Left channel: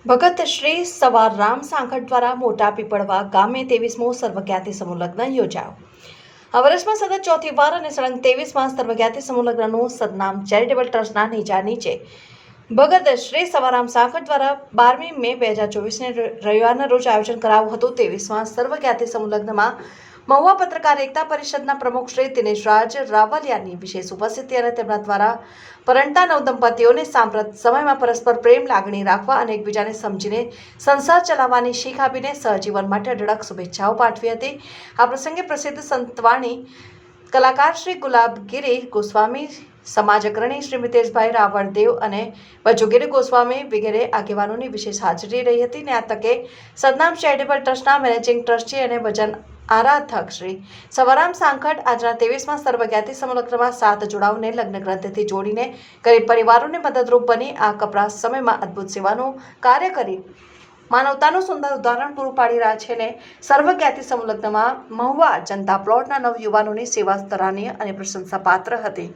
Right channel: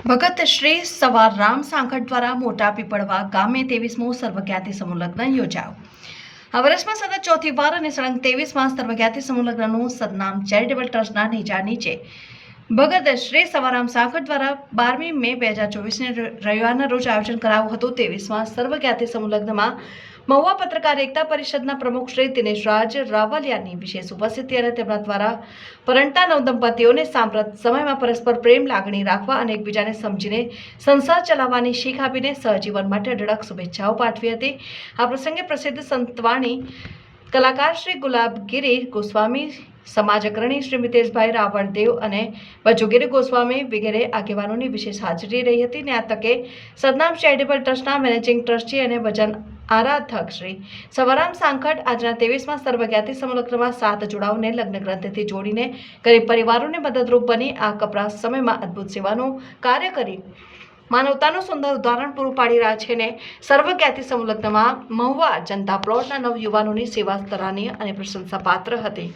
ભગત શ્રી સવાર રામ સાંખટ દ્વારા મોટા પીપળવા ગામે ત્રેવીસમો સર્વજ્ઞાતિ સમૂહલગ્ન યોજાયો. આ વર્ષમાં સતત ચોથી વાર અને સળંગ તેવીસમાં સર્વજ્ઞાતિ સમૂહલગ્નનું સદનામ ચેરિટેબલ ટ્રસ્ટના નેજા નીચે ભગત શ્રી સવારામ સાખર દ્વારા બારમી મે બે હજાર ચોવીસને રવિવારના રોજ આયોજન કરાવ્યું હતું ત્રેવીસમાં સર્વજ્ઞાતિ સંલગ્નમાં મહુવા પત્રકાર એકતા પરિષદના પ્રમુખ શ્રી દિનેશ રાજ રાવલિયાની વિશેષ ઉપસ્થિતિ અને તેમના દ્વારા પરંટા નવ દંપતીઓને સાંપ્રત સમયમાં પરસ્પર પ્રેમ લાગણી રાખવા અને એકબીજાને સમજીને સંસાર ચલાવવાની શીખ આપીને સહજીવન માટે અઢળક શુભેચ્છાઓ પાઠવી હતી. આ પ્રસંગે પ્રસિદ્ધ સંતવાણી કલાકાર શ્રી ગુલાબગીરી ગોસ્વામી સમાજ અગ્રણી શ્રી મિતેશભાઈ રાવણદેવ અને વજુગીરી ગોસ્વામી વગેરે આગેવાનોની વિશેષ હાજરી રહી હતી. ને આ તકે સદનામ ચેરિટેબલ ટ્રસ્ટના મેનેજિંગ ટ્રસ્ટી અને ભજન આરાધક શ્રી સવારામ સાંકળ આજના ત્રેવીસમાં સર્વજ્ઞાતિ સમલગ્નમાં સાત જોડાઓને લગ્ન ગ્રંથથી જોડીને ગરીબ પરિવારોને મદદરૂપ બની આ કપરા સમયમાં અદ્ભુત સેવાનું કાર્ય કરી માનવતાનું સુંદર ઉદાહરણ પૂરું પાડી રહ્યા છે ને સર્વજ્ઞાતિ સંલગ્નમાં મહુવા જનતા પ્લોટના નવ યુવાનોની સેવા સરાહનીય અને પ્રશંસાપાત્ર હતી.